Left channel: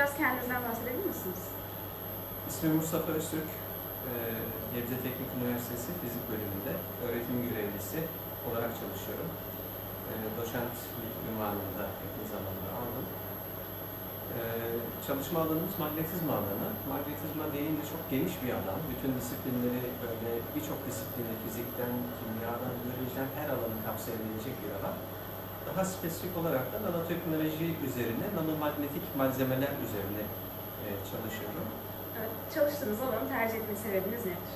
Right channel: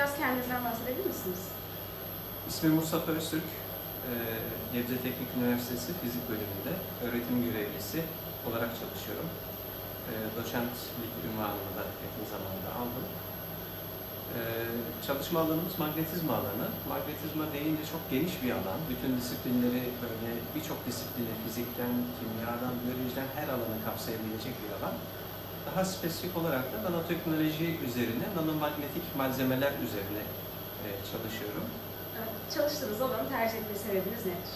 biraz kendinizden bahsedebilir misiniz? İsmim Mustafa Öztürk. Ee, Gebze Teknik Üniversitesi Fizik Bölümünde öğretim görevlisi olarak çalışıyorum. Ee, Doçentlik ünvanını da yakın zamanda aldım. Ee, Çalışma alanımız magnetizma alanı. Magnetizma deyince çok geniş bir alan. Bütün disiplinleri böyle birçok disiplini, fizikten, kimyadan, biyolojiden her alanı kapsayabilecek bir alan. Daha spesifik olarak da nanoteknoloji üzerine, nanomanyetik malzemeler üzerine e, çalışıyorum. Evet, çalıştığınız alanı tercih etme sebebiniz nedir?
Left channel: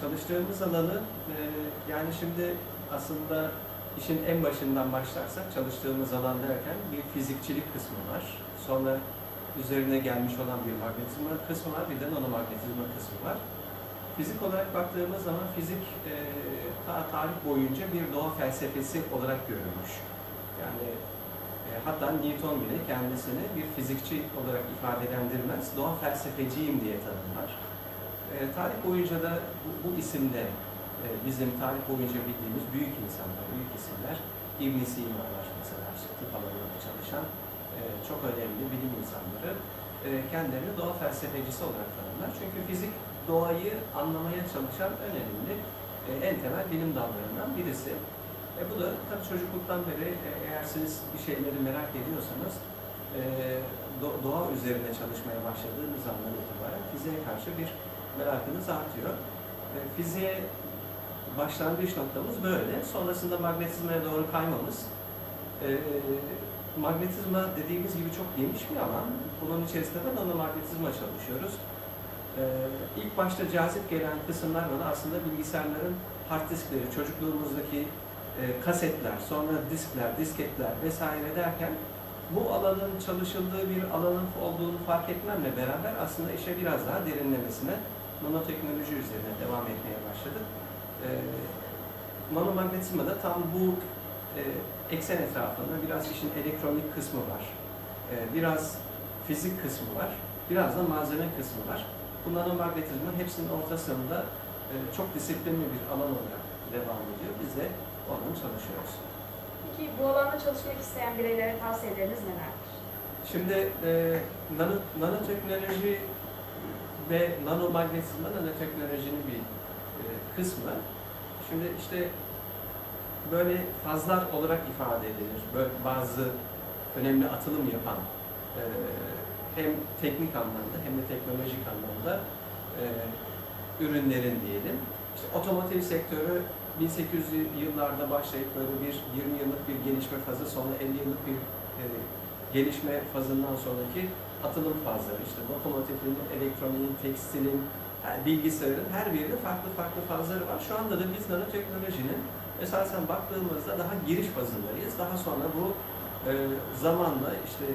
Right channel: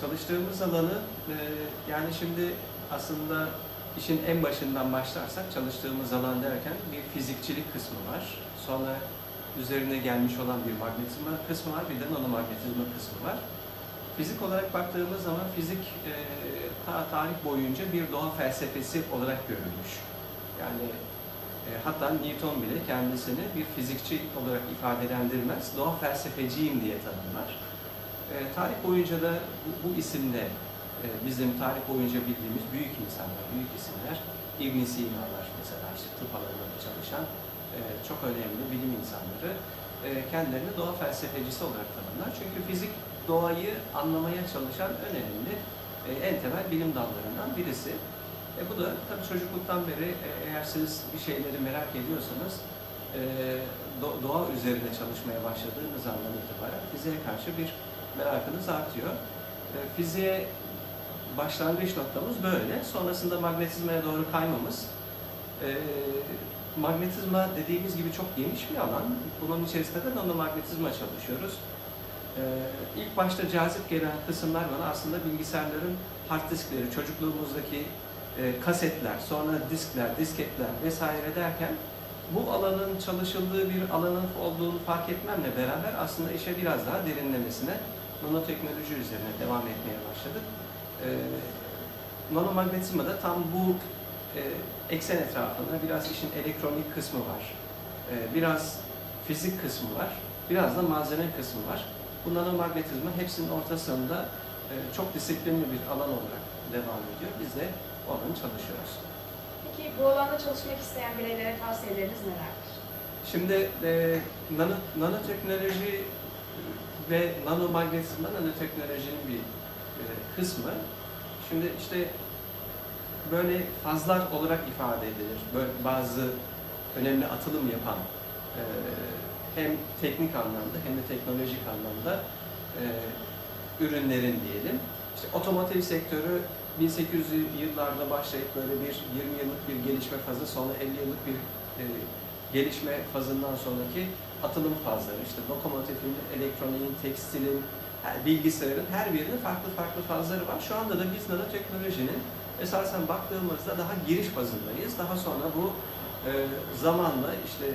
Çalıştığımız alanı e, yani şimdi aslında işin en başından başlarsak çalıştığımız alan derken bir fizikçilik kısmı var. Sonra üzerine gelmiş olan bir magnetizma kısmı var, bir de nanomagnetizma kısmı var. Fizik olarak baktığımız zaman fizik e, ta tarih boyunca bir doğa felsefesi olarak görülmüş. Yani e, hatta Newton bile kendisini bir fizikçi olarak ifadelendirmez, doğa felsefeciyim diye tanımlar. E, tarih boyunca da bu, bu isimle e, bizim tarih boyunca bildiğimiz büyük insanlar, büyük isimler, İbn Sina'lar mesela işte tıp alanında çalışan e, çok önemli bilim insanları e, kendilerini doğa felsefecisi olarak tanımlar. Çünkü fizik doğayı anlamaya çalışan önemli e, en temel bilim dallarından birisi. E, bu da tabii çocukluktan beri e, eğer siz bir şeyleri merak ediyorsanız e, do- doğa üzerine çalışmaya başladığınız andan itibaren fiziğe karşı bir merakınız artıyor. E, fiziğe başlangıç noktamız böyle. Sonrasında magnetizmaya doğru kaymamız. E, magnetizma dediğimiz gibi çok geniş bir alan. Bunun içerisinde de nanomagnetizma çalışıyoruz. E, ilk başta cazip gelen kısımlar bana aslında bilgisayarların hard diskleri, çocukluğumuzdaki e, kasetler, sonra diskler, disketler vesaire derken bu alanın çalışıldığı bir alanın olduğunu fark etmemle beraber aslında işe biraz daha derinlemesine nanoteknoloji üzerine devam etmeye başladık. Ee, nanomagnetizma da tam bu e, eksen etrafında biraz işin elektronik kısmı var. Ee, biraz fizik kısmı var. Biraz da malzeme kısmı var. Bu nanomagnetizma hepsinin ortasında e, çok disiplinli bir alan olarak devam ediyor. Biz de onun çalışıyoruz. Peki bu alanda çalışmak isteyen bireylere tavsiyeleriniz nelerdir? Şimdi e, nano, nanoteknoloji ve nanomagnetizma nanoteknolojinin bir e, kısmı. Şimdi işte böyle fazlar olarak ifade edilir. Böyle bazı önemli atılım yapan e, hem teknik anlamda hem de teknolojik anlamda e, ürünlerin diyelim. İşte otomotiv sektörü 1800'lü yıllarda başlayıp böyle bir 20 yıllık bir gelişme fazı sonra 50 yıllık bir e, gelişme fazından sonraki atılım fazları. İşte lokomotifin, elektroniğin, tekstilin, bilgisayarın her birinin farklı farklı fazları var. Şu anda da biz nanoteknolojinin esasen baktığımızda daha giriş fazındayız. Daha sonra bu e, zamanla işte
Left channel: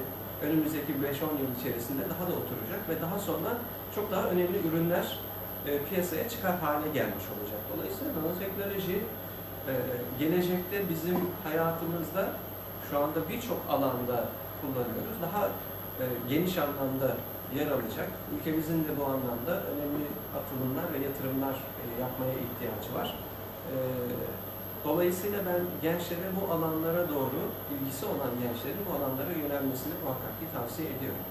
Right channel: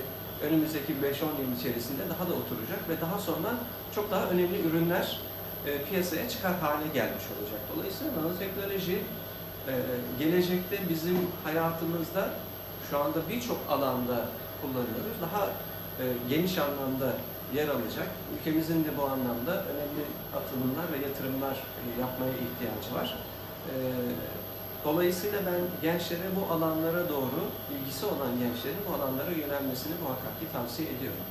önümüzdeki 5-10 yıl içerisinde daha da oturacak ve daha sonra çok daha önemli ürünler e, piyasaya çıkar hale gelmiş olacak. Dolayısıyla nanoteknoloji e, gelecekte bizim hayatımızda şu anda birçok alanda kullanıyoruz. Daha e, geniş anlamda yer alacak. Ülkemizin de bu anlamda önemli atılımlar ve yatırımlar e, yapmaya ihtiyacı var. Dolayısıyla ben gençlere bu alanlara doğru ilgisi olan gençlerin bu alanlara yönelmesini muhakkak ki tavsiye ediyorum.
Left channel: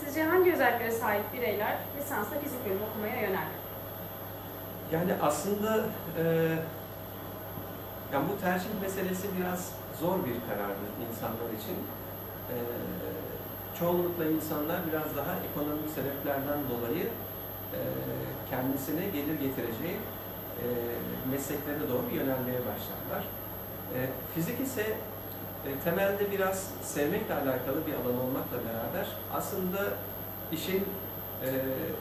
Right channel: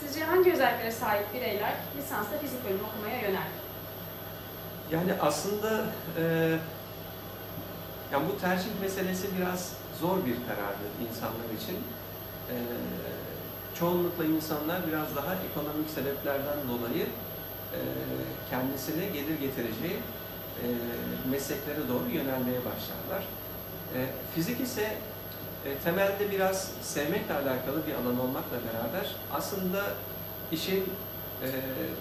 Sizce hangi özelliklere sahip bireyler lisansta fizik bölümü okumaya yönelir? Yani aslında e, yani bu tercih meselesi biraz zor bir karardır insanlar için. E, çoğunlukla insanlar biraz daha ekonomik sebeplerden dolayı e, kendisine gelir getireceği e, mesleklere doğru yönelmeye başlarlar. E, fizik ise temelde biraz sevmekle alakalı bir alan olmakla beraber aslında işin e,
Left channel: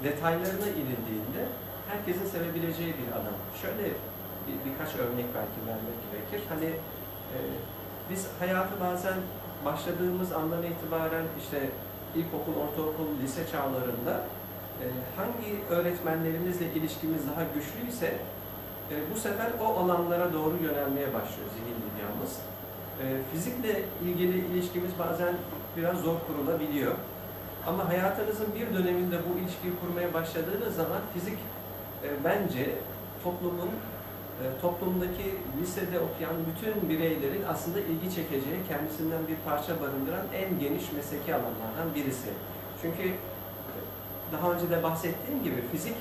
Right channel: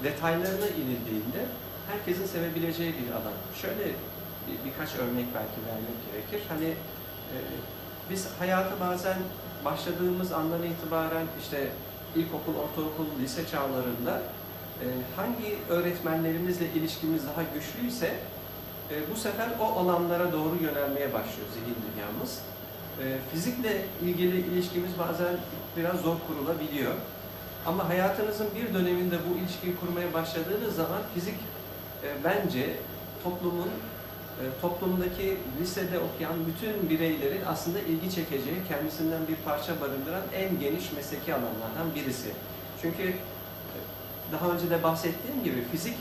detaylarına inildiğinde herkesin sevebileceği bir alan. Şöyle bir, birkaç örnek belki vermek gerekir. Hani e, biz hayatı bazen başladığımız andan itibaren işte ilkokul, ortaokul, lise çağlarında e, hangi öğretmenlerimizle ilişkimiz daha güçlüyse e, bu sefer o alanlara doğru yönelmeye başlıyor zihin dünyamız. E, fizikle ilgili ilişkimiz bazen biraz zor kurulabiliyor. Ama hayatınızın bir döneminde bu ilişkiyi kurmaya başladığınız zaman fizik e, bence toplumun e, toplumdaki lisede okuyan bütün bireylerin aslında ilgi çekeceği, kendisinden bir parça barındıran en geniş mesleki alanlardan birisi. Çünkü e, daha önce de bahsettiğim gibi fizik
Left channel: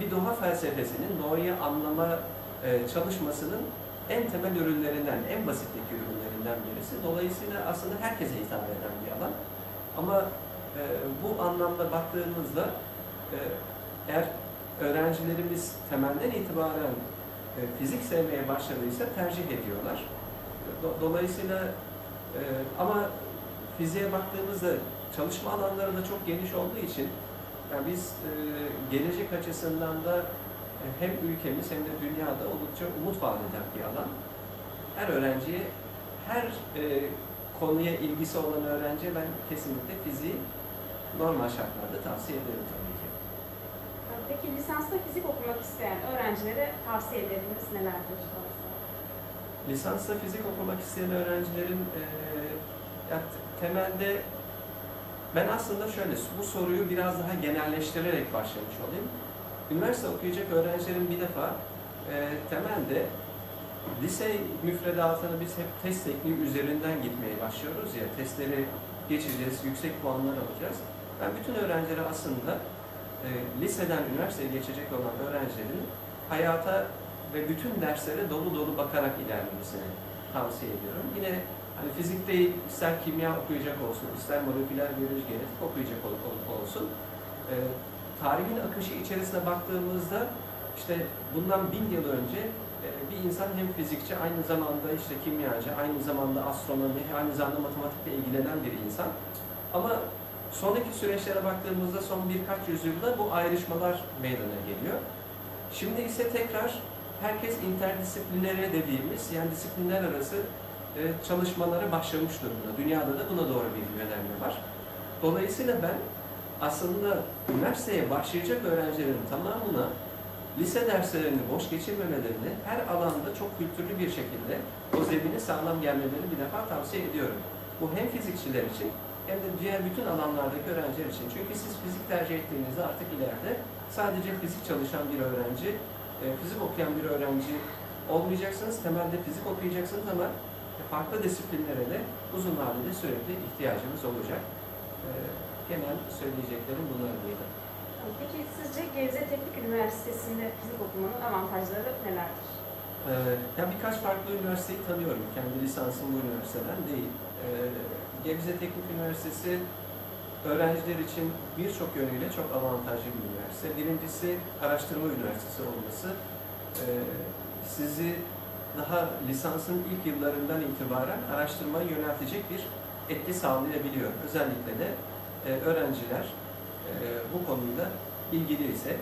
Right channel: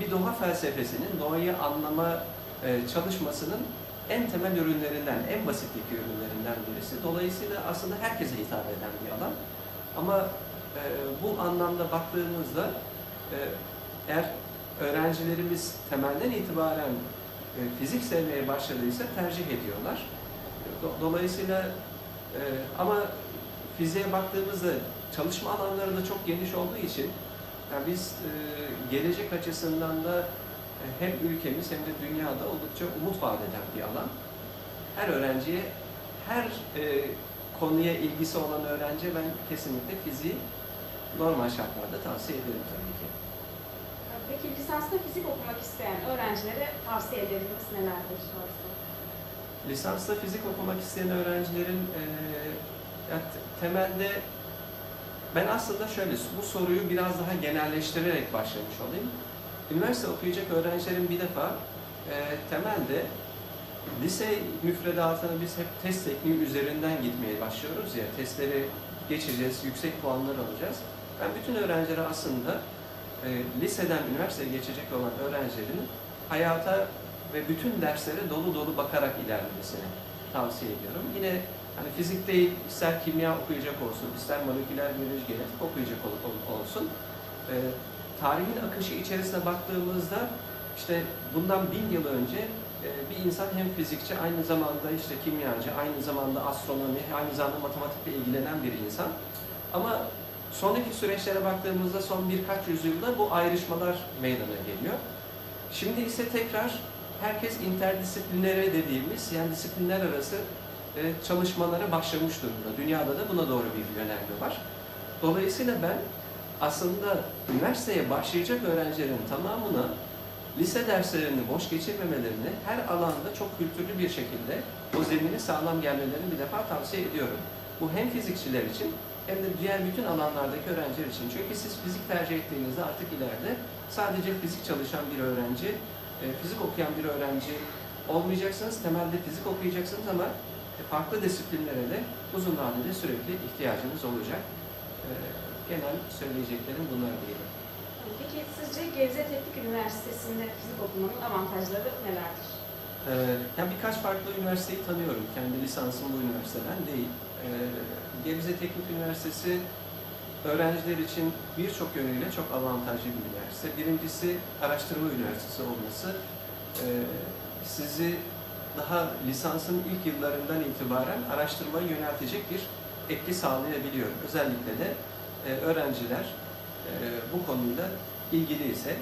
bir doğa felsefesinin, doğayı anlama çalışmasının en temel ürünlerinden, en basitteki ürünlerinden birisi. Dolayısıyla aslında herkese hitap eden bir alan. Ama e, bu anlamda baktığımızda e, eğer öğrencilerimiz temelden itibaren e, fizik sevmeye başladıysa tercih ediyorlar. Do- Dolayısıyla e, ama fiziğe baktığımızda çalışma alanları da çok geniş olduğu için yani biz e, gelecek açısından da hem ülkemiz hem de dünyada oldukça umut vaat eden bir alan. Her öğrenciye, her e, konuya ilgisi olan öğrenciye ben kesinlikle fiziği normal şartlarda tavsiye ederim tabii ki. Peki lisansta fizik okumak isteyen öğrencilere tavsiye ederiniz nelerdir? Lisansta fizik okumak isteyen öğrencilerin e, ya te- temelde ben aslında şöyle bu soruyu biraz daha genelleştirerek başlamış olayım. Üniversite okuyacak öğrencilerin bir defa e, temelde lise müfredatını biz hep test tekniği üzerinden gitmeye başlıyoruz ya testleri geçeceğiz, yüksek puanlar alacağız. Ben bütün öğrencilere aslında e, liseden üniversiteye geçecek olan öğrencilerin hayata ve bütün derslere dolu dolu bakarak ilerlemesini tavsiye ediyorum. Yine hani fizik değil, ister kimya okuyacak olsun, ister moleküler biyoloji, genetik okuyacak ol- ol- olsun. e, tarihin akışı içerisine baktığımızda işte bundan bin yıl önce e, bir insan hem fizikçi, aynı zamanda işte kimyacı, aynı zamanda astronomi, aynı zamanda matematikle ilgilenen bir insan. Ama sonraki süreçlere baktığımızda son birkaç yüzyılda bu ayrışmalar meydana geliyor. Şimdi ise tekrar herkes interdisiplinere dediğimiz yani disiplinler arası e, çalışmalara başlamış durumda. Dünyada da buna doğru bir yönelme var. Dolayısıyla ben aslında üniversiteye başlayacak öğrencilerin tamamına lise derslerini boş geçirmemelerini, her alanda çok kültürlü bir şekilde o zemini sağlam gelmelerini bir defa tavsiye ediyorum. Bu hem fizikçiler için hem de diğer bütün alanlardaki öğrenciler için. Çünkü siz fizik tercih ettiğinizde artık ileride sadece fizik çalışan bir öğrenci, e, fizik okuyan bir öğrenci olmayacaksınız. Temelde fizik okuyacaksınız ama e, farklı disiplinlere de uzun vadede sürekli ihtiyacınız olacak. Genel söyleyeceklerim bunlar diyelim. Peki sizce Gebze Teknik Üniversitesi'nde fizik okumanın avantajları nelerdir? Ee, yani birkaç farklı üniversiteyi tanıyorum. Kendi lisansım bu üniversiteden değil. Ee, Gebze Teknik Üniversitesi öğrenciler için birçok yönüyle çok avantajlı bir üniversite. Birincisi araştırma üniversitesi olması ee, sizi daha lisansın ilk yıllarından itibaren araştırmaya yöneltecek bir etki sağlayabiliyor. Özellikle de öğrenciler e, bu konuyla ilgili ise.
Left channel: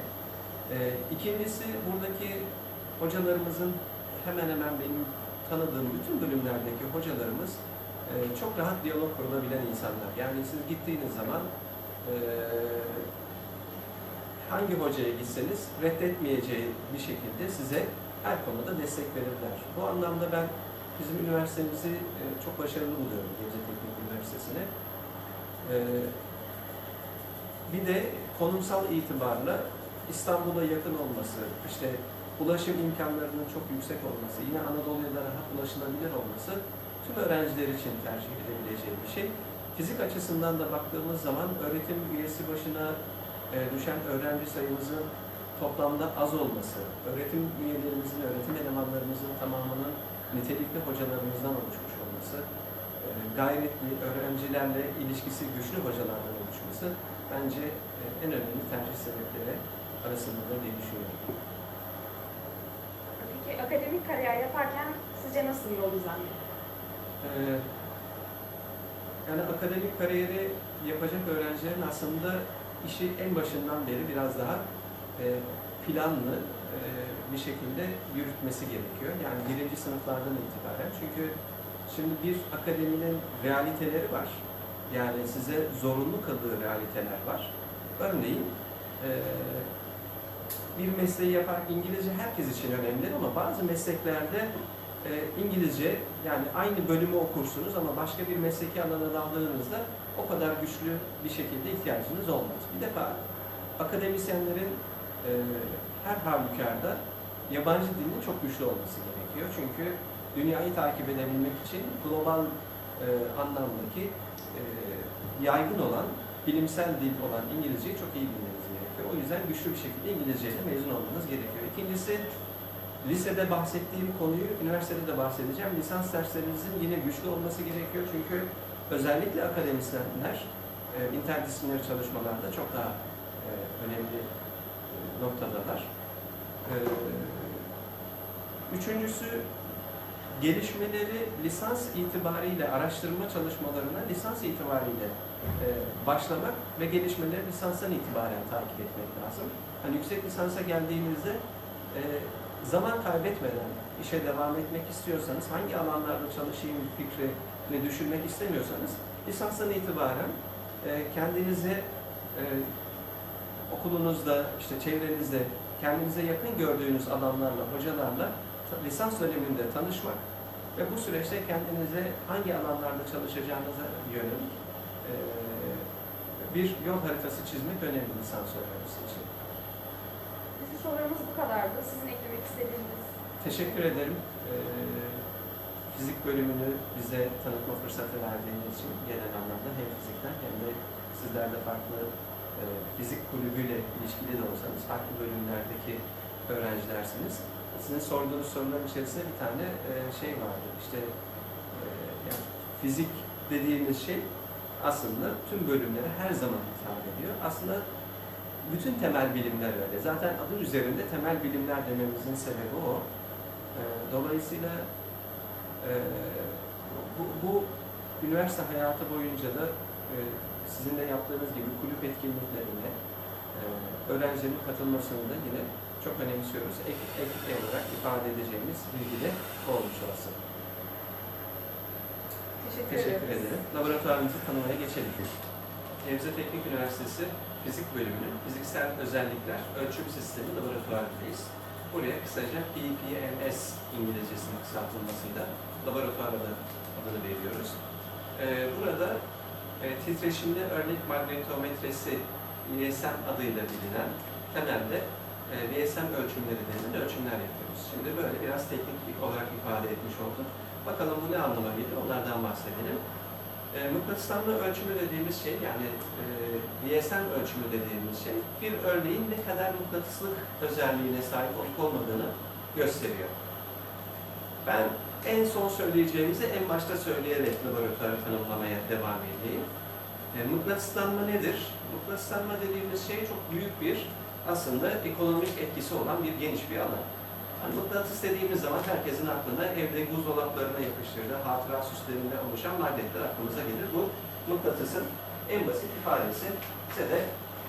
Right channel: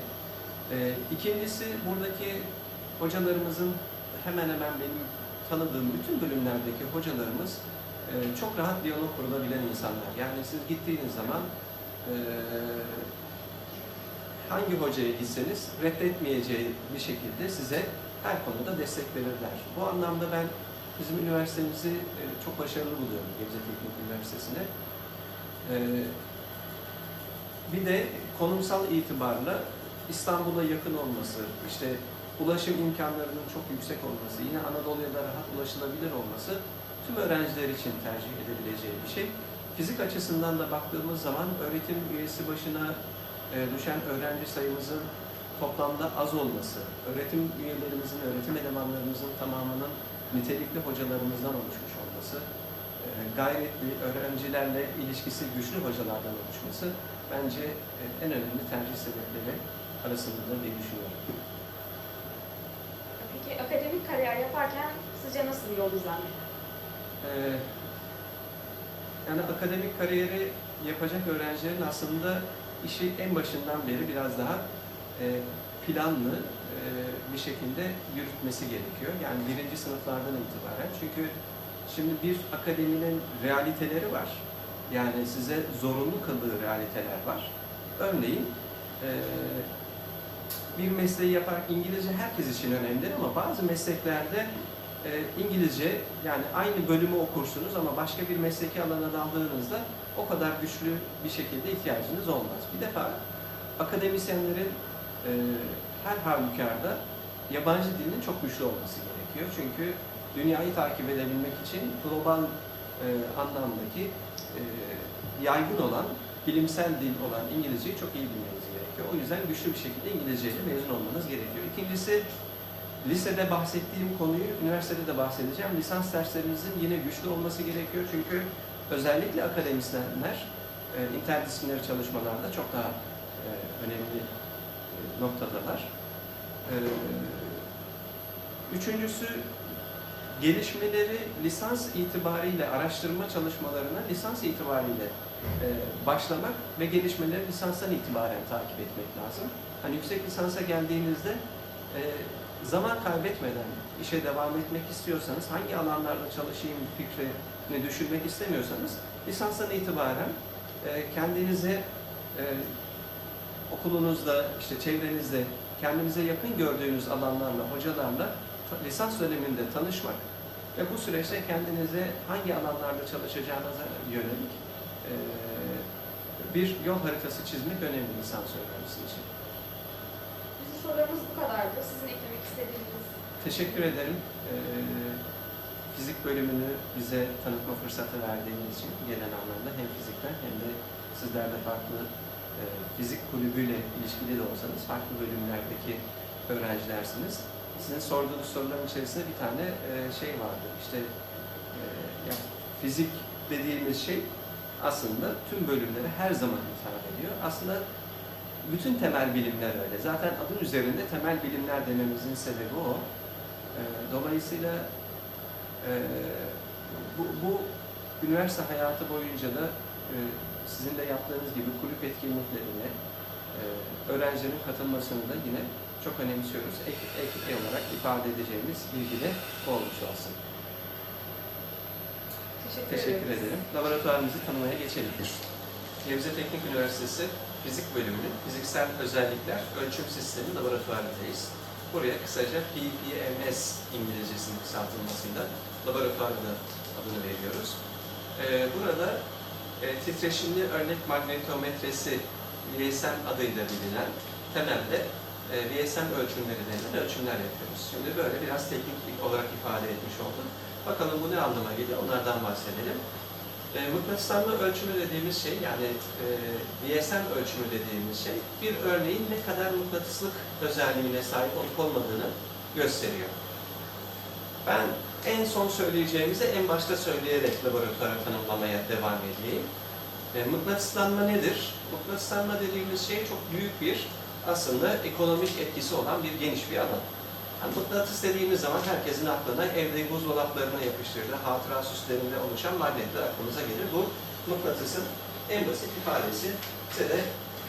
E, ikincisi buradaki hocalarımızın hemen hemen benim tanıdığım bütün bölümlerdeki hocalarımız e, çok rahat diyalog kurulabilen insanlar. Yani siz gittiğiniz zaman e, hangi hocaya gitseniz reddetmeyeceği bir şekilde size her konuda destek verirler. Bu anlamda ben bizim üniversitemizi e, çok başarılı buluyorum Gebze Teknik Üniversitesi'ne. Bir de konumsal itibarla İstanbul'a yakın olması, işte ulaşım imkanlarının çok yüksek olması, yine Anadolu'ya da rahat ulaşılabilir olması tüm öğrenciler için tercih edebileceği bir şey. Fizik açısından da baktığımız zaman öğretim üyesi başına e, düşen öğrenci sayımızın toplamda az olması, öğretim üyelerimizin, öğretim elemanlarımızın tamamının nitelikli hocalarımızdan oluşmuş olması, e, gayretli, öğrencilerle ilişkisi güçlü hocalardan oluşması bence e, en önemli tercih sebepleri arasındadır diye düşünüyorum. Peki akademik kariyer yaparken sizce nasıl bir yol izlenmeli? Ee, yani akademik kariyeri yapacak öğrencilerin aslında işi en başından beri biraz daha e, planlı e, bir şekilde yürütmesi gerekiyor. Yani birinci sınıflardan itibaren. Çünkü şimdi bir akademinin realiteleri var. Yani size zorunlu kıldığı realiteler var. Örneğin e, bir mesleği yapar, İngilizce herkes için önemlidir ama bazı mesleklerde e, İngilizce yani aynı bölümü okursunuz ama başka bir mesleki alana daldığınızda o kadar güçlü bir şekilde ihtiyacınız olmaz. Bir defa akademisyenlerin e, her halükarda yabancı dilinin çok güçlü olması gerekiyor. Çünkü dünyayı takip edebilmek için global e, anlamdaki yaygın olan, bilimsel dil olan İngilizceyi çok iyi bilmeniz gerekiyor. O yüzden güçlü bir şekilde İngilizceyle mezun olmanız gerekiyor. İkincisi, lisede bahsettiğim konuyu üniversitede de bahsedeceğim. Lisans derslerinizin yine güçlü olması gerekiyor. Çünkü özellikle akademisyenler e, interdisipliner çalışmalarda çok daha e, önemli e, noktadalar. E, üçüncüsü, gelişmeleri lisans itibariyle araştırma çalışmalarına lisans itibariyle e, başlamak ve gelişmeleri lisanstan itibaren takip etmek lazım. Hani yüksek lisansa geldiğinizde e, zaman kaybetmeden işe devam etmek istiyorsanız, hangi alanlarda çalışayım fikrini düşünmek istemiyorsanız, lisanstan itibaren e, kendinize e, okulunuzda, işte çevrenizde kendinize yakın gördüğünüz alanlarla, hocalarla lisans döneminde tanışmak ve bu süreçte kendinize hangi alanlarda çalışacağınıza yönelik e, bir yol haritası çizmek önemli lisans öğrencisi için. Bizim sorularımız bu kadardı. Sizin eklemek istediğiniz Teşekkür ederim. Ee, fizik bölümünü bize tanıtma fırsatı verdiğiniz için genel anlamda hem fizikten hem de sizler de farklı e, fizik kulübüyle ilişkili de olsanız farklı bölümlerdeki öğrencilersiniz. Sizin sorduğunuz soruların içerisinde bir tane e, şey vardı. İşte e, yani fizik dediğimiz şey aslında tüm bölümlere her zaman hitap ediyor. Aslında bütün temel bilimler öyle. Zaten adı üzerinde temel bilimler dememizin sebebi o. Ee, Dolayısıyla e, bu, bu üniversite hayatı boyunca da e, sizin de yaptığınız gibi kulüp etkinliklerine e, öğrencilerin katılmasını da yine çok önemsiyoruz. Ek, ek olarak ifade edeceğimiz bilgi de olmuş olsun. teşekkür, Teşekkür ederim. Laboratuvarımızı tanımaya geçelim. Gebze Teknik Üniversitesi Fizik Bölümü Fiziksel Özellikler Ölçüm Sistemi Laboratuvarındayız. Buraya kısaca PPMS İngilizcesinin kısaltılmasıyla laboratuvara da adını veriyoruz. Ee, burada e, titreşimli örnek magnetometresi VSM adıyla bilinen temelde e, VSM ölçümleri denilen ölçümler yapıyoruz. Şimdi böyle biraz teknik olarak ifade etmiş olduk. Bakalım bu ne anlama geliyor onlardan bahsedelim. E, mıknatıslanma ölçümü dediğimiz şey yani e, VSM ölçümü dediğimiz şey bir örneğin ne kadar mıknatıslık özelliğine sahip olup olmadığını gösteriyor. Ben en son söyleyeceğimizi en başta söyleyerek laboratuvarı tanımlamaya devam edeyim. E, mıknatıslanma nedir? Mıknatıslanma dediğimiz şey çok büyük bir aslında ekonomik etkisi olan bir geniş bir alan. Yani mıknatıs dediğimiz zaman herkesin aklına evde buzdolaplarına yapıştırdığı hatıra süslerinde oluşan magnetler aklımıza gelir. Bu mıknatısın en basit ifadesi. Size de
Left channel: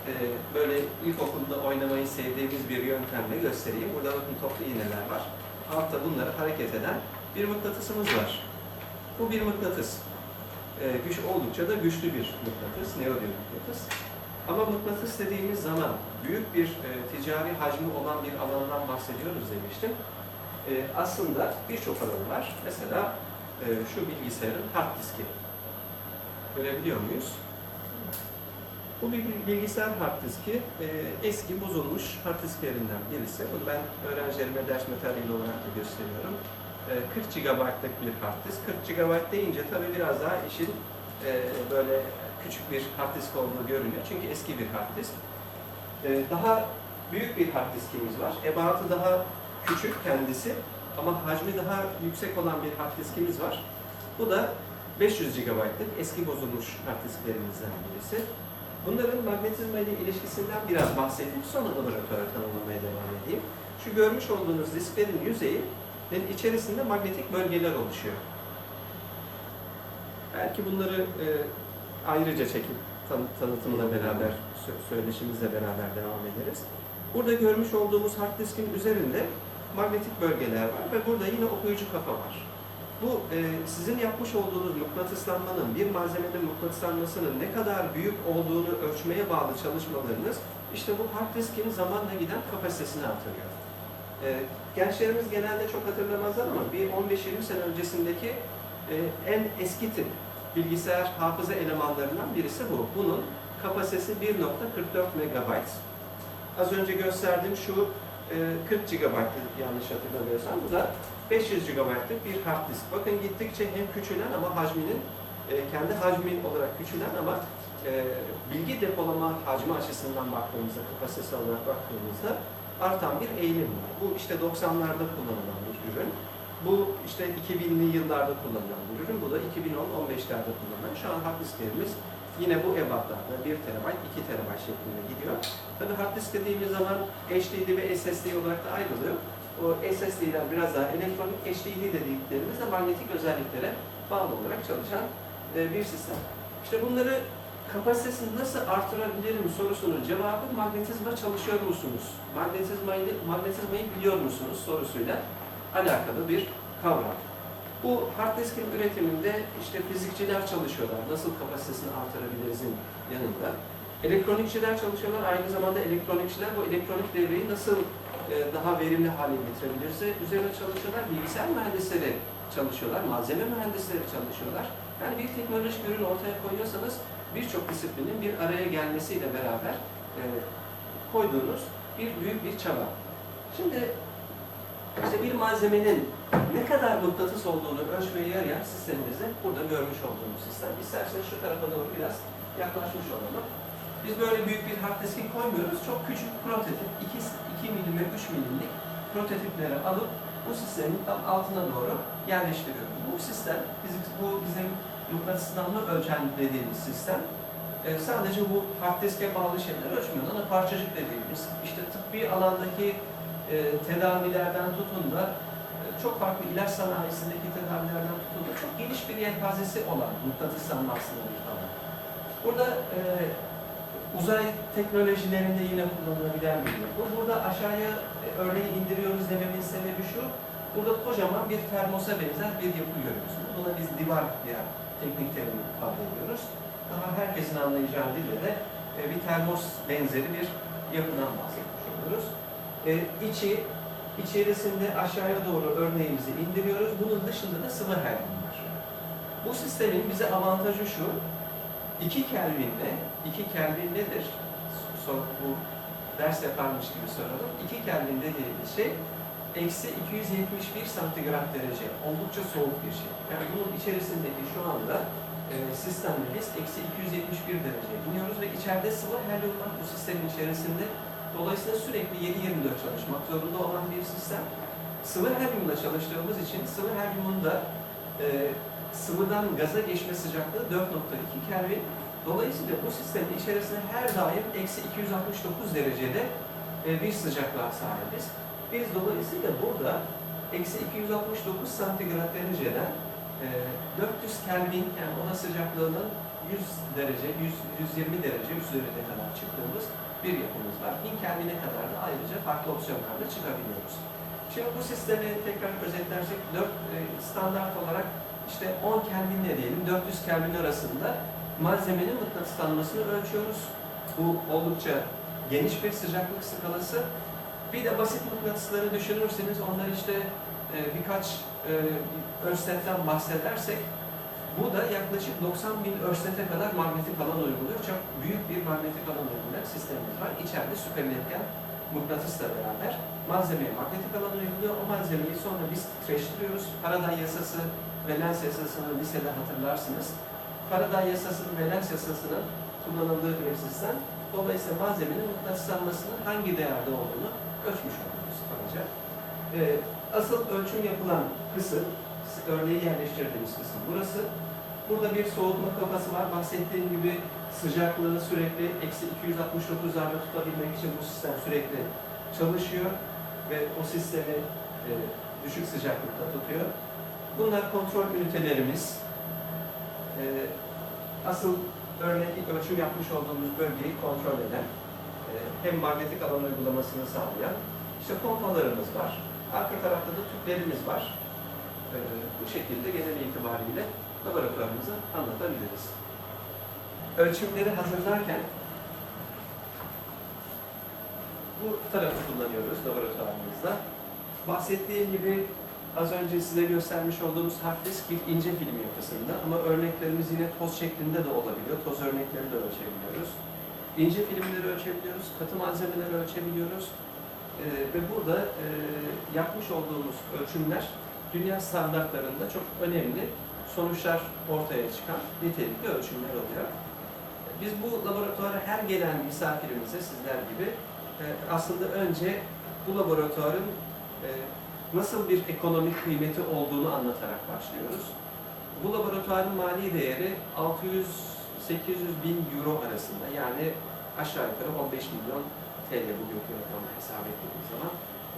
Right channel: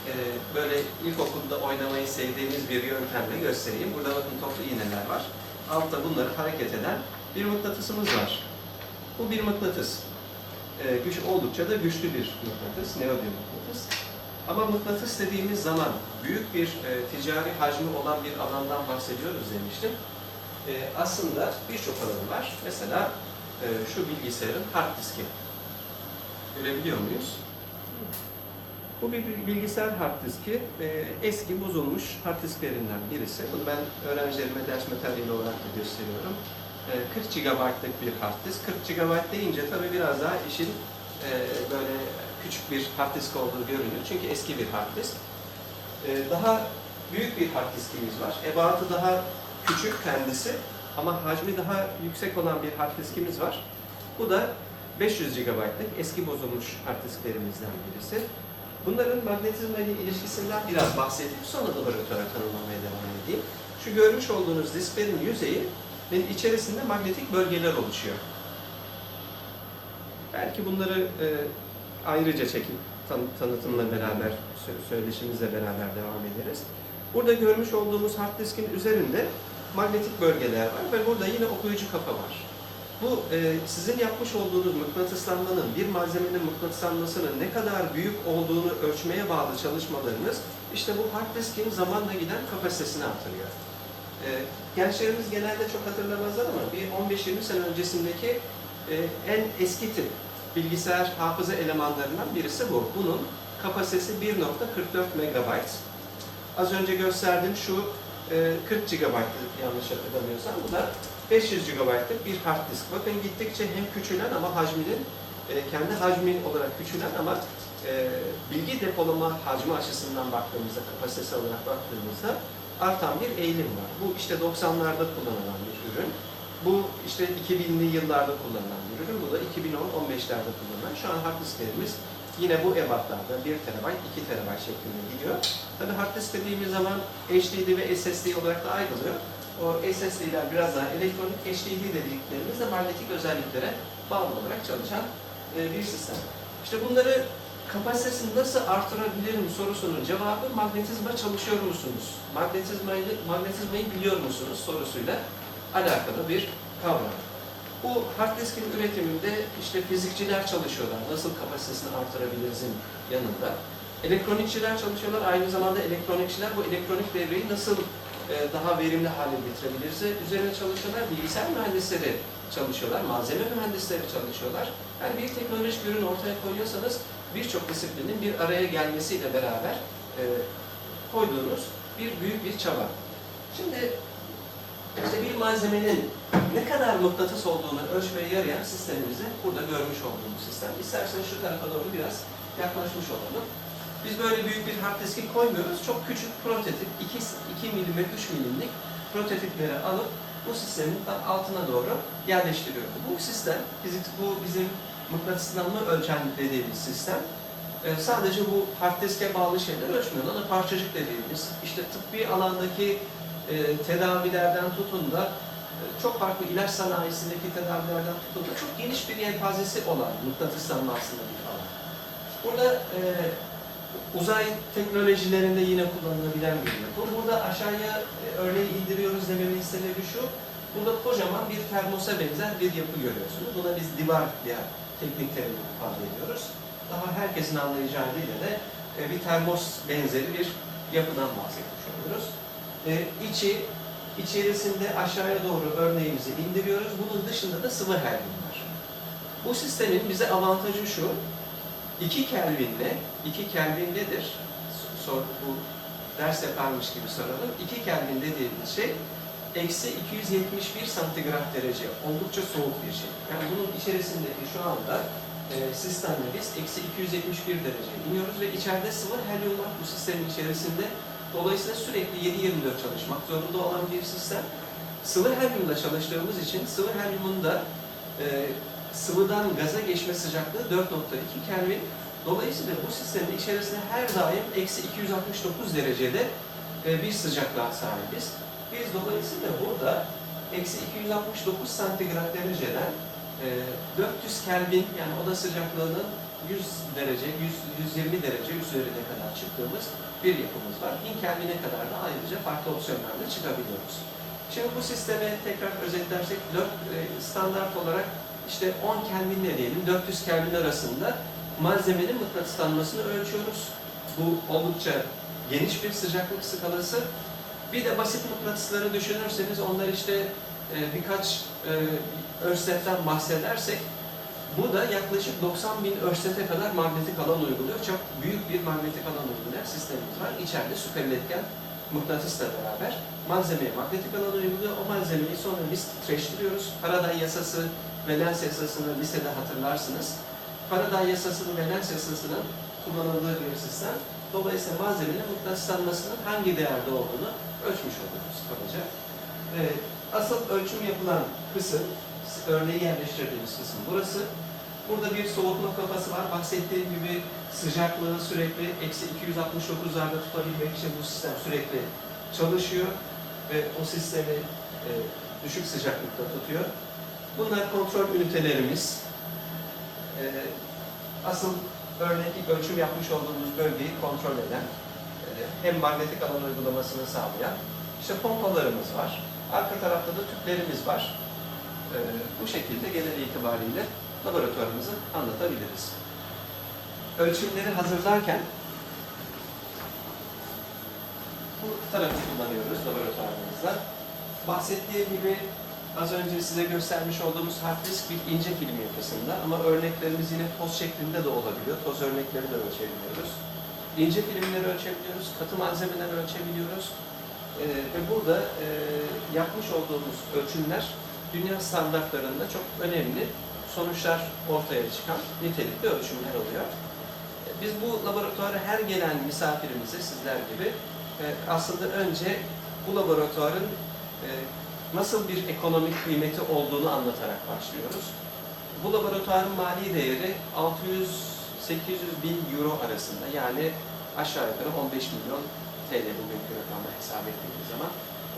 e, böyle ilkokulda oynamayı sevdiğimiz bir yöntemle göstereyim. Burada bakın toplu iğneler var. Altta bunları hareket eden bir mıknatısımız var. Bu bir mıknatıs. E, güç oldukça da güçlü bir mıknatıs, neodyum mıknatıs. Ama mıknatıs dediğimiz zaman büyük bir e, ticari hacmi olan bir alandan bahsediyoruz demiştim. E, aslında birçok alanı var. Mesela e, şu bilgisayarın hard diski. Görebiliyor muyuz? Bu bir bilgisayar hard diski. E, eski bozulmuş hard disklerinden birisi. Bunu ben öğrencilerime ders materyali olarak da gösteriyorum. E, 40 GB'lık bir hard disk. 40 GB deyince tabii biraz daha işin e, böyle küçük bir hard disk olduğu görünüyor. Çünkü eski bir hard disk. Ee, daha büyük bir hard diskimiz var. Ebatı daha küçük kendisi ama hacmi daha yüksek olan bir hard diskimiz var. Bu da 500 GB'lık eski bozulmuş hard disklerimizden birisi. Bunların magnetizma ile ilişkisinden biraz bahsedip sonra laboratuvara tanımlamaya devam edeyim. Şu görmüş olduğunuz disklerin yüzeyi ve içerisinde magnetik bölgeler oluşuyor. Belki bunları e, ayrıca çekip tan- tanıtımla beraber, sö- söyleşimizle beraber devam ederiz. Burada görmüş olduğumuz hard diskin üzerinde magnetik bölgeler var ve burada yine okuyucu kafa var. Bu e, sizin yapmış olduğunuz mıknatıslanmanın, bir malzemenin mıknatıslanmasının ne kadar büyük olduğunu ölçmeye bağlı çalışmalarınız işte bu hard diskin zamanla giden kapasitesini artırıyor. E, gençlerimiz genelde çok hatırlamazlar ama bir 15-20 sene öncesindeki e, en eski tip bilgisayar hafıza elemanlarından birisi bu. Bunun kapasitesi 1.44 MB. Az önce gösterdiğim şu e, 40 GB'lık yanlış hatırlamıyorsam. Bu da 500 GB'lık bir hard disk. Bakın gittikçe hem küçülen ama hacminin e, kendi hacmi olarak küçülen ama e, bilgi depolama hacmi açısından baktığımızda, kapasitesi olarak baktığımızda artan bir eğilim var. Bu işte 90'larda kullanılan bir ürün. Bu işte 2000'li yıllarda kullanılan bir ürün. Bu da 2010-15'lerde kullanılan. Şu an hard disklerimiz yine bu ebatlarda 1 TB, 2 TB şeklinde gidiyor. Tabi hard disk dediğimiz zaman HDD ve SSD olarak da ayrılıyor. O SSD'ler biraz daha elektronik, HDD dediklerimiz de manyetik özelliklere bağlı olarak çalışan e, bir sistem. İşte bunları kapasitesini nasıl artırabilirim sorusunun cevabı magnetizma çalışıyor musunuz? Magnetizmayı, magnetizmayı biliyor musunuz sorusuyla alakalı bir kavram. Bu hard diskin üretiminde işte fizikçiler çalışıyorlar. Nasıl kapasitesini artırabilirizin yanında. Elektronikçiler çalışıyorlar. Aynı zamanda elektronikçiler bu elektronik devreyi nasıl e, daha verimli hale getirebiliriz üzerine çalışıyorlar. Bilgisayar mühendisleri çalışıyorlar. Malzeme mühendisleri çalışıyorlar. Yani bir teknolojik ürün ortaya koyuyorsanız birçok disiplinin bir araya gelmesiyle beraber e, koyduğunuz bir büyük bir çaba. Şimdi işte bir malzemenin ne kadar mıknatıs olduğunu ölçmeye yarayan sistemimizi burada görmüş olduğumuz sistem. İsterseniz şu tarafa doğru biraz yaklaşmış olalım. Biz böyle büyük bir hard diski koymuyoruz. Çok küçük prototip, 2, 2 milim ve 3 milimlik prototipleri alıp bu sistemin tam altına doğru yerleştiriyoruz. Bu sistem, fizik, bu bizim mıknatıslanma ölçen dediğimiz sistem. Ee, sadece bu hard diske bağlı şeyler ölçmüyor. Ona parçacık dediğimiz, işte tıbbi alandaki e, tedavilerden tutun da e, çok farklı ilaç sanayisindeki tedavilerden tutun da çok geniş bir yelpazesi olan mıknatıslanma aslında bir. Burada e, uzay teknolojilerinde yine kullanılabilen bir yapı. Burada aşağıya e, örneği indiriyoruz dememin sebebi şu. Burada kocaman bir termosa benzer bir yapı görüyorsunuz. Buna biz divar diye teknik terimle ifade ediyoruz. Daha herkesin anlayacağı dille de e, bir termos benzeri bir yapıdan bahsetmiş oluyoruz. E, içi, içerisinde aşağıya doğru örneğimizi indiriyoruz. Bunun dışında da sıvı helyum var. Bu sistemin bize avantajı şu, 2 Kelvin'de, 2 Kelvin nedir? Sor, bu ders yaparmış gibi soralım. 2 Kelvin dediğimiz şey, eksi 271 santigrat derece. Oldukça soğuk bir şey. Yani bunun içerisindeki şu anda e, sistemde biz eksi 271 derece iniyoruz ve içeride sıvı helyum var bu sistemin içerisinde. Dolayısıyla sürekli 7-24 çalışmak zorunda olan bir sistem. Sıvı helyumla çalıştığımız için sıvı helyumun da e, sıvıdan gaza geçme sıcaklığı 4.2 Kelvin. Dolayısıyla bu sistemin içerisinde her daim eksi 269 derecede e, bir sıcaklığa sahibiz. Biz dolayısıyla burada eksi 269 santigrat dereceden e, 400 Kelvin yani oda sıcaklığının 100 derece, 100, 120 derece üzerine kadar çıktığımız bir yapımız var. 1000 Kelvin'e kadar da ayrıca farklı opsiyonlarla çıkabiliyoruz. Şimdi bu sistemi tekrar özetlersek 4 e, standart olarak işte 10 Kelvin'le diyelim 400 Kelvin arasında malzemenin mıknatıslanmasını ölçüyoruz. Bu oldukça geniş bir sıcaklık skalası. Bir de basit mıknatısları düşünürseniz onlar işte e, birkaç e, örsetten bahsedersek bu da yaklaşık 90 bin örsete kadar manyetik alan uyguluyor. Çok büyük bir manyetik sistemimiz var. İçeride süper iletken mıknatısla beraber malzemeye manyetik alan uyguluyor. O malzemeyi sonra biz titreştiriyoruz. Faraday yasası ve Lenz yasasını lisede hatırlarsınız. Faraday yasasının ve Lenz yasasının kullanıldığı bir sistem. Dolayısıyla malzemenin mıknatıslanmasının hangi değerde olduğunu ölçmüş oluyoruz kabaca. Ee, asıl ölçüm yapılan kısım, örneği yerleştirdiğimiz kısım burası. Burada bir soğutma kafası var. Bahsettiğim gibi sıcaklığı sürekli eksi 269'larda tutabilmek için bu sistem sürekli çalışıyor ve bu sistemi e, düşük sıcaklıkta tutuyor. Bunlar kontrol ünitelerimiz. E, asıl örnek ölçüm yapmış olduğumuz bölgeyi kontrol eden, e, hem manyetik alan uygulamasını sağlayan işte pompalarımız var. Arka tarafta da tüplerimiz var. E, bu şekilde genel itibariyle laboratuvarımızı anlatabiliriz. Ölçümleri hazırlarken bu tarafı kullanıyoruz laboratuvarımızda. Bahsettiğim gibi az önce size göstermiş olduğumuz hard disk bir ince film yapısında ama örneklerimiz yine toz şeklinde de olabiliyor. Toz örnekleri de ölçebiliyoruz. İnce filmleri ölçebiliyoruz, katı malzemeleri ölçebiliyoruz. E, ve burada e, yapmış olduğumuz ölçümler dünya standartlarında çok önemli sonuçlar ortaya çıkan nitelikli ölçümler oluyor. E, Biz bu laboratuvara her gelen misafirimize sizler gibi e, aslında önce bu laboratuvarın e, nasıl bir ekonomik kıymeti olduğunu anlatarak başlıyoruz. Bu laboratuvarın mali değeri 600-800 bin euro arasında yani aşağı yukarı 15 milyon TL bugünkü rakamla hesap ettiğimiz zaman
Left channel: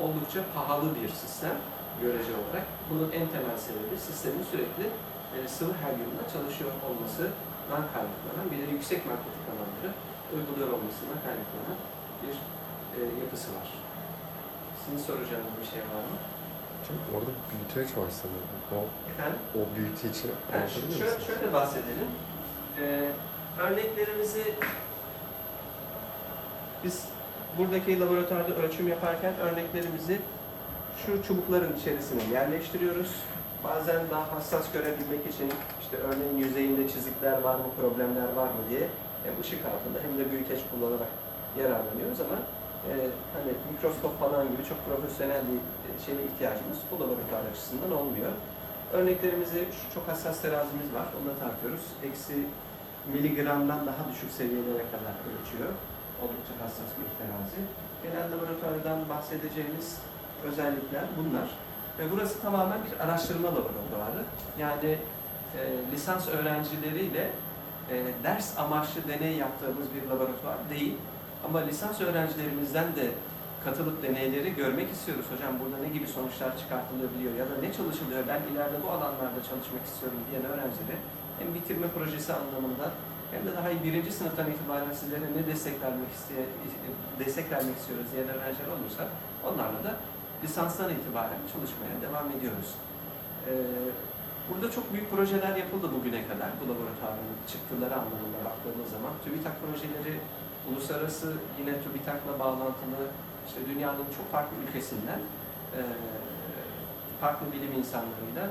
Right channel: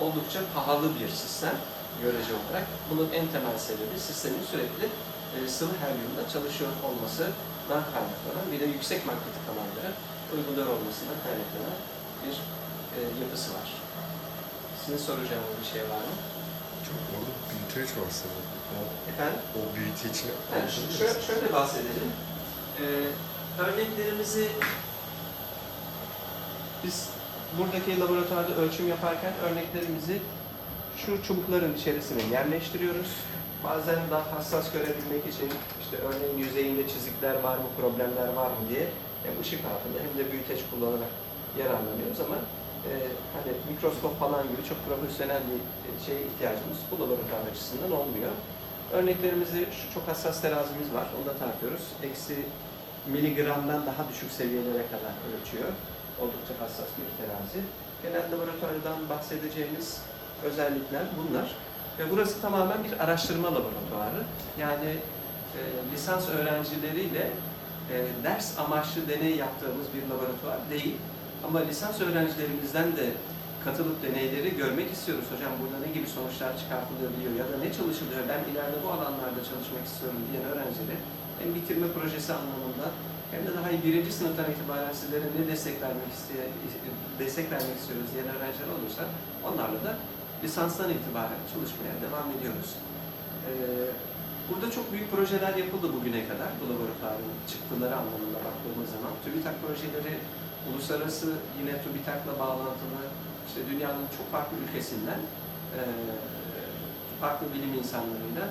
oldukça pahalı bir sistem görece olarak. Bunun en temel sebebi sistemin sürekli e, sıvı helyumda çalışıyor olmasından kaynaklanan bir de yüksek manyetik alanları uyguluyor olmasından kaynaklanan bir e, yapısı var. Sizin soracağınız bir şey var mı? Hocam orada var sanırım. O, Efendim? o büyüteci Yani anlatabilir şöyle, şöyle bahsedelim. Ee, örneklerimizi biz buradaki laboratuvarda ölçüm yaparken örneklerimizi şu çubukların içerisine yerleştiriyoruz. Bazen daha hassas görebilmek için işte örneğin yüzeyinde çizikler var mı, problemler var mı diye hem ışık altında hem de büyüteç kullanarak yararlanıyoruz ama e, hani mikroskop falan gibi çok profesyonel bir e, şeye ihtiyacımız bu laboratuvar açısından olmuyor. Örneklerimizi şu çok hassas terazimiz var. Onu da tartıyoruz. Eksi miligramdan daha düşük seviyelere kadar ölçüyor. Oldukça hassas bir terazi. Genel laboratuvardan bahsedeceğimiz özellikler bunlar. Ve burası tamamen bir araştırma laboratuvarı. Yani e, lisans öğrencileriyle e, ders amaçlı deney yaptığımız bir laboratuvar değil. Ama lisans öğrencilerimizden de katılıp deneyleri görmek istiyoruz. Hocam burada ne gibi sonuçlar çıkartılabiliyor ya da ne çalışılıyor, ben ileride bu alanlarda çalışmak istiyorum diyen öğrencileri hem bitirme projesi anlamında hem de daha birinci sınıftan itibaren sizlere ne destek vermek isteye, destek vermek istiyoruz diyen öğrenciler olursa onlarla da lisanstan itibaren çalışmaya devam ediyoruz. Ee, burada çok büyük projeler yapıldı bugüne kadar bu laboratuvarın çıktıları anlamında baktığımız zaman. TÜBİTAK projeleri uluslararası yine TÜBİTAK'la bağlantılı işte dünyanın çok farklı ülkesinden e, farklı bilim insanlarıyla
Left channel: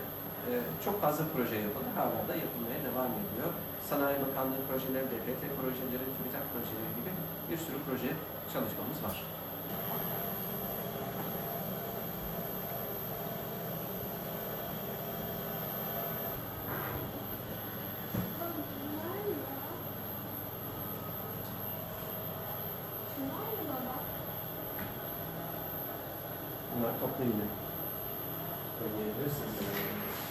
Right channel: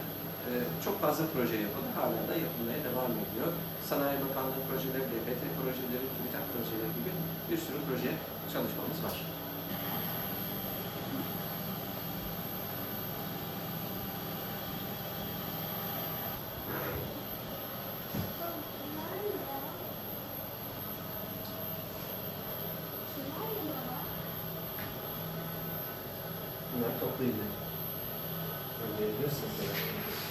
e, çok fazla proje yapıldı. Hala da yapılmaya devam ediyor. Sanayi Bakanlığı projeleri, DPT projeleri, TÜBİTAK projeleri gibi bir sürü proje çalışmamız var. not completely. Forgiveness and.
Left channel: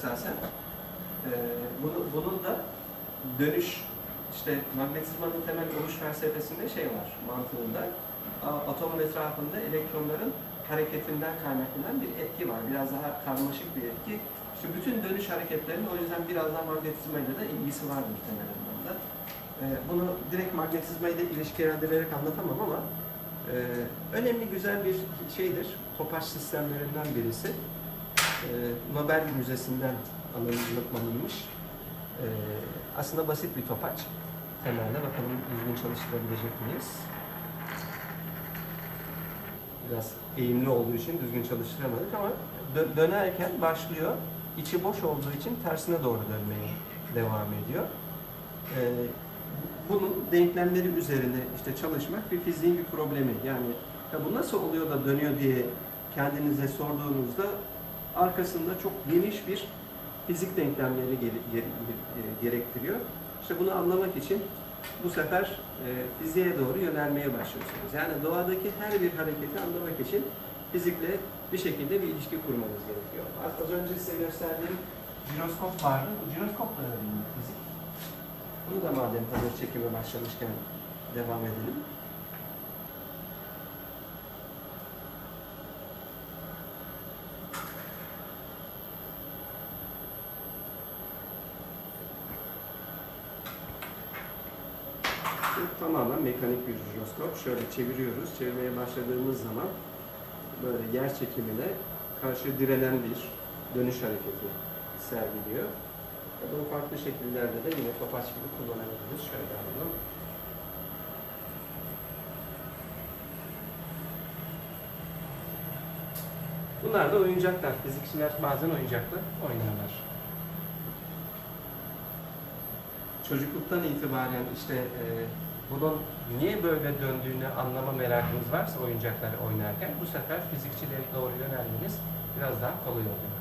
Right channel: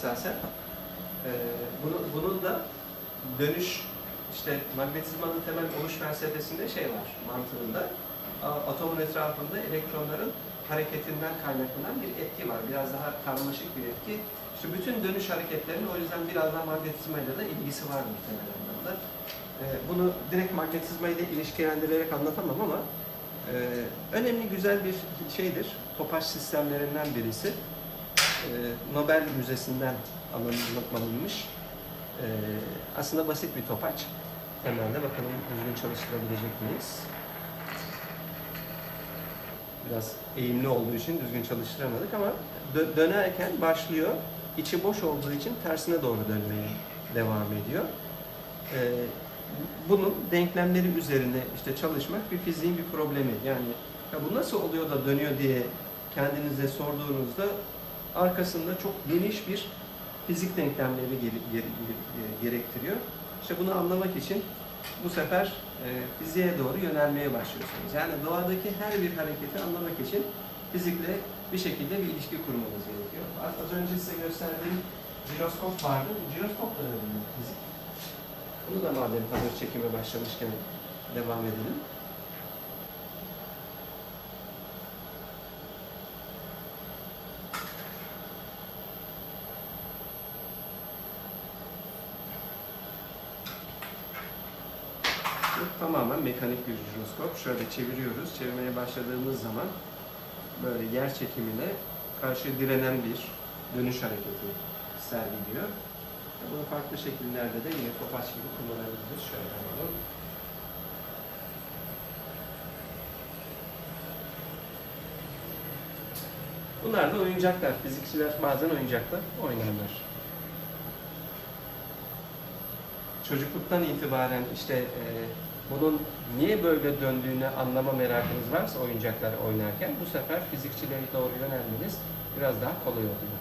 Esasen. Ee, bunu, bunun da dönüş, işte magnetizmanın temel oluş felsefesinde şey var mantığında. Atomun etrafında elektronların hareketinden kaynaklanan bir etki var. Biraz daha karmaşık bir etki. İşte bütün dönüş hareketlerinin o yüzden biraz daha magnetizmayla da ilgisi vardır temel anlamda. Ee, bunu direkt magnetizmayla ilişkilendirerek anlatamam ama e, önemli güzel bir şeydir. Topaç sistemlerinden birisi. Ee, Nobel Müzesi'nden alınmış. Ee, aslında basit bir topaç. Temelde bakalım düzgün çalıştırabilecek miyiz? Biraz eğimli olduğu için düzgün çalıştıramadık ama dö- dönerken başlıyor. İçi boş olduğu için tersine doğru dönmeye devam ediyor. Ee, bunun denklemleri üzerine işte çalışmak bir fiziğin bir problemi. Yani ya bu nasıl oluyor da dönüyor diye kendinize sorduğunuzda arkasında çok geniş bir fizik denklemleri e, gerektiriyor. İşte bunu anlamak için bu sefer e, fiziğe doğru yönelmeye başlıyorsunuz. Yani doğadaki her bir hareketi anlamak için fizikle bir şekilde bir ilişki kurmanız gerekiyor. Az, önce size gösterdiğim jiroskop vardı. Jiroskop da bir fizik. Bunu da madem hazır çekime başlamışken devam edelim. Bu tamamen mekanik bir jiroskop. Şöyle çeviriyoruz. Çevirmeye başladığımız zaman böyle yer çekimine karşı direnen bir dönüş hareketi sergiliyor. Bunu farklı şekillerde de yine topaç gibi kullanabiliriz. Şöyle alalım. Bunlar da oyuncaklar. Fizikçiler bazen oyuncakla oynarlar. Çocukluktan itibaren işte e, bunun niye böyle döndüğünü anlama merakınız varsa oyuncaklar oynarken bu sefer fizikçileri doğru yönelmeniz biraz daha kolay oluyor.